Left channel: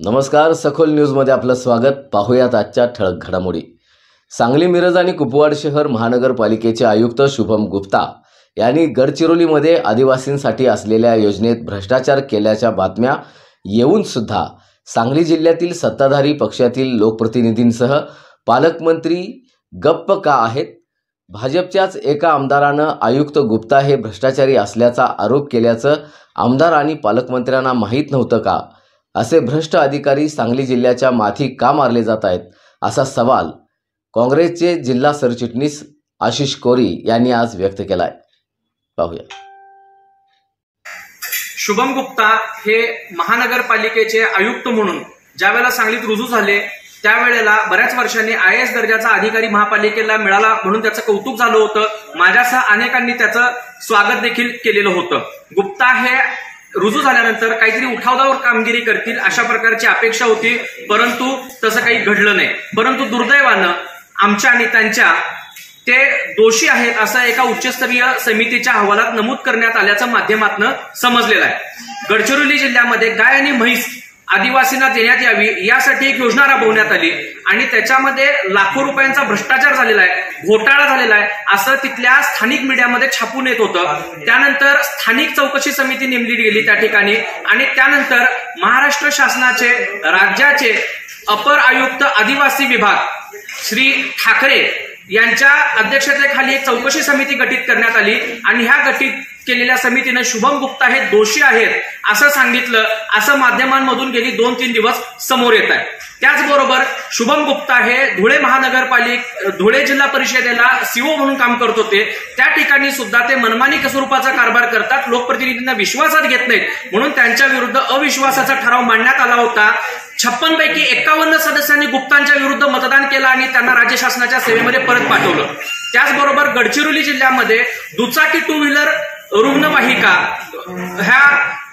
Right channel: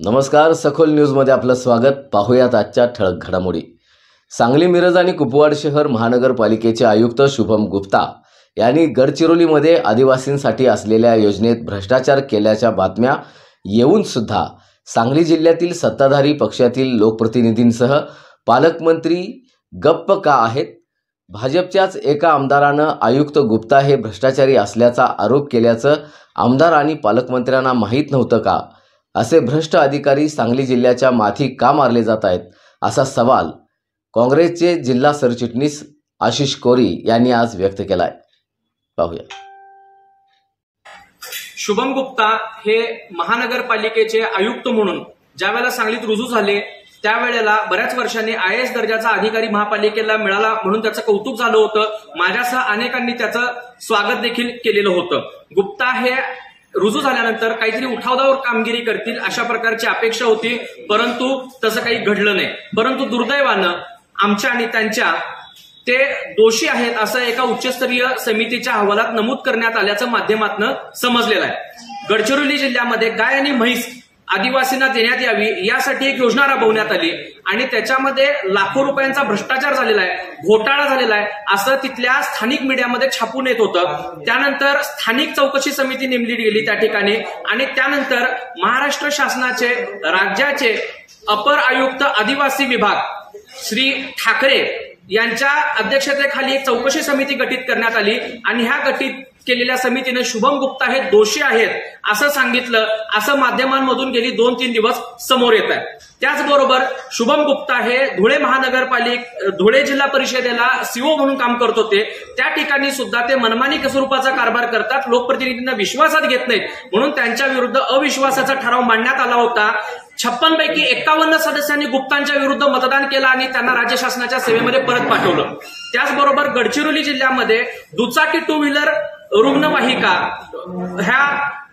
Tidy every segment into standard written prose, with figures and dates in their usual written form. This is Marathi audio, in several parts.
नमस्कार, सखोल न्यूजमध्ये आपलं स्वागत. पाहूयात आजच्या ठळक घडामोडी. सांगली, मिरज आणि कुपवाड शहर महानगरपालिकेचे आयुक्त शुभम गुप्ता यांनी गडचिरोलीमध्ये आदिवासींसाठी असलेल्या योजनेत भ्रष्टाचार केल्याच्या बातम्या येऊन सुद्धा सांगली जिल्ह्यातील सत्ताधारी पक्षातील लोकप्रतिनिधींसह पालकमंत्री गप्प का आहेत? भाजपच्याच एका आमदारानं आयुक्त गुप्ता हे भ्रष्टाचारी असल्याचा आरोप केल्याचं आमदार आणि पालकमंत्र्यांना माहीत नव्हतं का? असे भ्रष्ट अधिकारी सांगली जिल्ह्याच्या माथी का मारले जात आहेत, असा सवाल काँग्रेसचे जिल्हा सरचिटणीस आशिष कोरी यांनी आज व्यक्त केलाय. पाहूया. शुभम गुप्ता हे महानगरपालिकेचे आयुक्त म्हणून ज्यावेळेला सांगलीत रुजू झाले त्यावेळेला बऱ्याच वर्षांनी IAS दर्जाचा अधिकारी महापालिकेला मिळाला म्हणून त्याचं कौतुक झालं होतं. माझ्यासह अनेकांनी त्याचं स्वागत देखील केलेलं होतं. गुप्ता हे रुजू झाल्यानंतर काहीतरी उठावदावर कामगिरी करतील अशा प्रकारची अपेक्षा होती, परंतु तसं काही घडलं नाही. परंतु दुर्दैवानं आमच्या आणि त्यांच्या ते दोषी आहेत असं एका उच्चस्तरीय समितीच्या अहवालात नमूद करण्यात आल्याचं माध्यमातून समजलेलं आहे. गडचिरोली जिल्ह्यामध्ये गाय आणि म्हैस आदिवासींना देण्यात यावी यासाठी एक योजना राबवण्यात आली आणि त्याच्यामध्ये लाखो रुपयांचा भ्रष्टाचार झालेला आहे, घोटाळा झालेला आहे असं तिथल्या स्थानिक मीडियामध्ये छापून येत होतं. त्यानंतर स्थानिक चौकशी समिती नेमली गेली त्या ठिकाणी आणि त्यानंतर महाराष्ट्र शासनाचे राज्याचे अपर आयुक्त आदिवासी विभाग श्री ठाकरे यांच्या अध्यक्षतेखाली एक चौकशी समिती गठीत करण्यात आली आणि ह्या गठीत केलेल्या समितीने शुभम गुप्ता हे दोषी आहेत असं सांगितलं, असं माध्यमांमधून गेली 2-3 दिवस समोर येत आहे. त्याचबरोबर शुभम गुप्ता हे धुळे जिल्हा परिषदेला CO म्हणून काम करत होते. त्या ठिकाणी सुद्धा ते मनमानी स्वरूपाचा कारभार करतात, लोकप्रतिनिधींना विश्वासात घेत नाहीत म्हणून त्यांच्या विरुद्ध अविश्वासाचा ठराव मांडण्यात आला होता. 56 पैकी 51 सदस्यांनी गुप्तांच्या विरुद्ध मतदान केलं आणि त्यांना राज्य शासनाच्या सेवेमध्ये परत पाठवलं. त्याचबरोबर गडचिरोली जिल्ह्यामध्ये दुचाकी 2 व्हीलर रुग्णवाहिका ह्या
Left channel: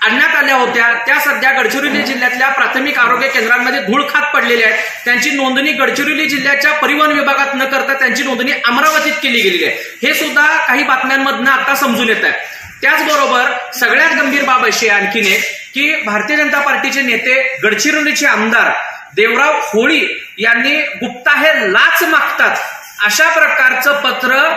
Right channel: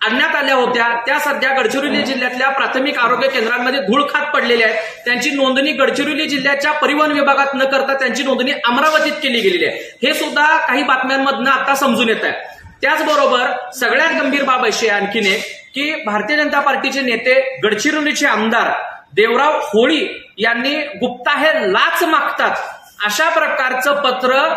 आणण्यात आल्या होत्या. त्या सध्या गडचिरोली जिल्ह्यातल्या प्राथमिक आरोग्य केंद्रांमध्ये धूळ खात पडलेल्या आहेत. त्यांची नोंदणी गडचिरोली जिल्ह्याच्या परिवहन विभागात न करता त्यांची नोंदणी अमरावतीत केली गेलेली आहे. हे सुद्धा काही बातम्यांमधनं आता समजून येत आहे. त्याचबरोबर सगळ्यात गंभीर बाब अशी आणखीन एक की भारतीय जनता पार्टीचे नेते गडचिरोलीचे आमदार देवराव होळी यांनी गुप्ता हे लाच मागतात अशा प्रकारचं पत्र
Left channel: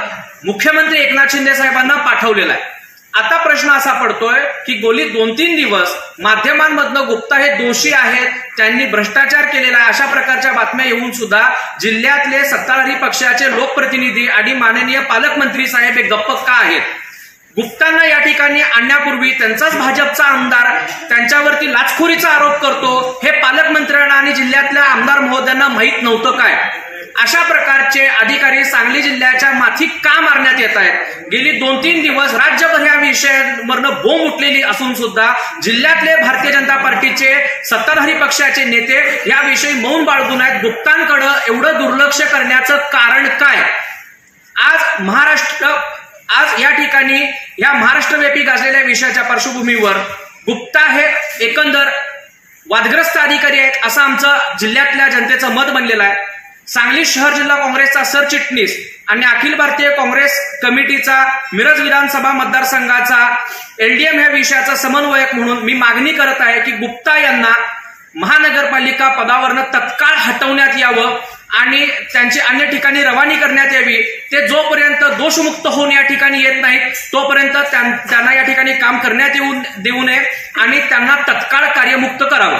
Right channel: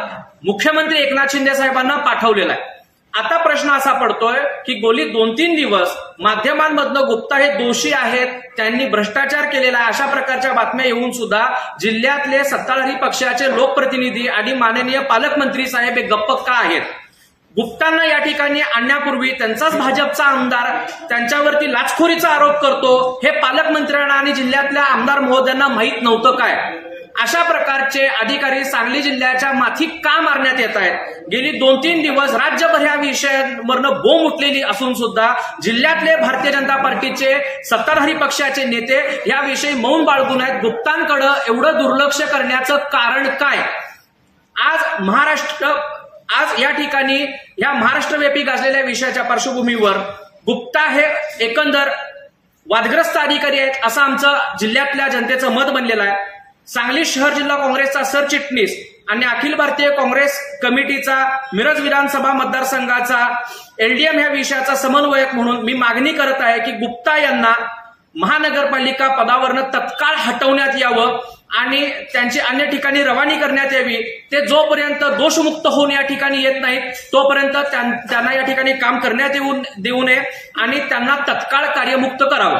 मुख्यमंत्री एकनाथ शिंदे साहेबांना पाठवलेलं आहे. आता प्रश्न असा पडतोय की गेली 2-3 दिवस माध्यमांमधनं गुप्ता हे दोषी आहेत, त्यांनी भ्रष्टाचार केलेला आहे अशा प्रकारच्या बातम्या येऊन सुद्धा जिल्ह्यातले सत्ताधारी पक्षाचे लोकप्रतिनिधी आणि माननीय पालकमंत्री साहेब हे गप्प का आहेत? गुप्तांना या ठिकाणी आणण्यापूर्वी त्यांचाच भाजपचा आमदार त्यांच्यावरती लाचखोरीचा आरोप करतो हे पालकमंत्र्यांना आणि जिल्ह्यातल्या आमदार महोदयांना माहीत नव्हतं काय? अशा प्रकारचे अधिकारी सांगली जिल्ह्याच्या माथी का मारण्यात येत आहेत? गेली 2-3 दिवस राज्यभर या विषयावरनं बोंब उठलेली असून सुद्धा जिल्ह्यातले भारतीय जनता पार्टीचे सत्ताधारी पक्षाचे नेते याविषयी मौन बाळगून आहेत. गुप्तांकडे एवढं दुर्लक्ष करण्याचं कारण काय? आज या ठिकाणी या महाराष्ट्रव्यापी गाजलेल्या विषयाच्या पार्श्वभूमीवर गुप्ता हे एकंदर वादग्रस्त अधिकारी आहेत असं आमचं जिल्ह्यातल्या जनतेचं मत बनलेलं आहे. सांगली शहर जिल्हा काँग्रेसचा सरचिटणीस आणि अखिल भारतीय काँग्रेस कमिटीचा मिरज विधानसभा मतदारसंघाचा LDM ह्या विषयाचा समन्वयक म्हणून मी मागणी करत आहे की गुप्ता यांना महानगरपालिका पदावरनं तत्काळ हटवण्यात यावं आणि त्यांची अन्य ठिकाणी रवानी करण्यात यावी. ते जोपर्यंत दोषमुक्त होऊन या ठिकाणी येत नाहीत तोपर्यंत त्यांना या ठिकाणी काम करण्यात देऊ नये आणि त्यांना तत्काळ कार्यमुक्त करावं.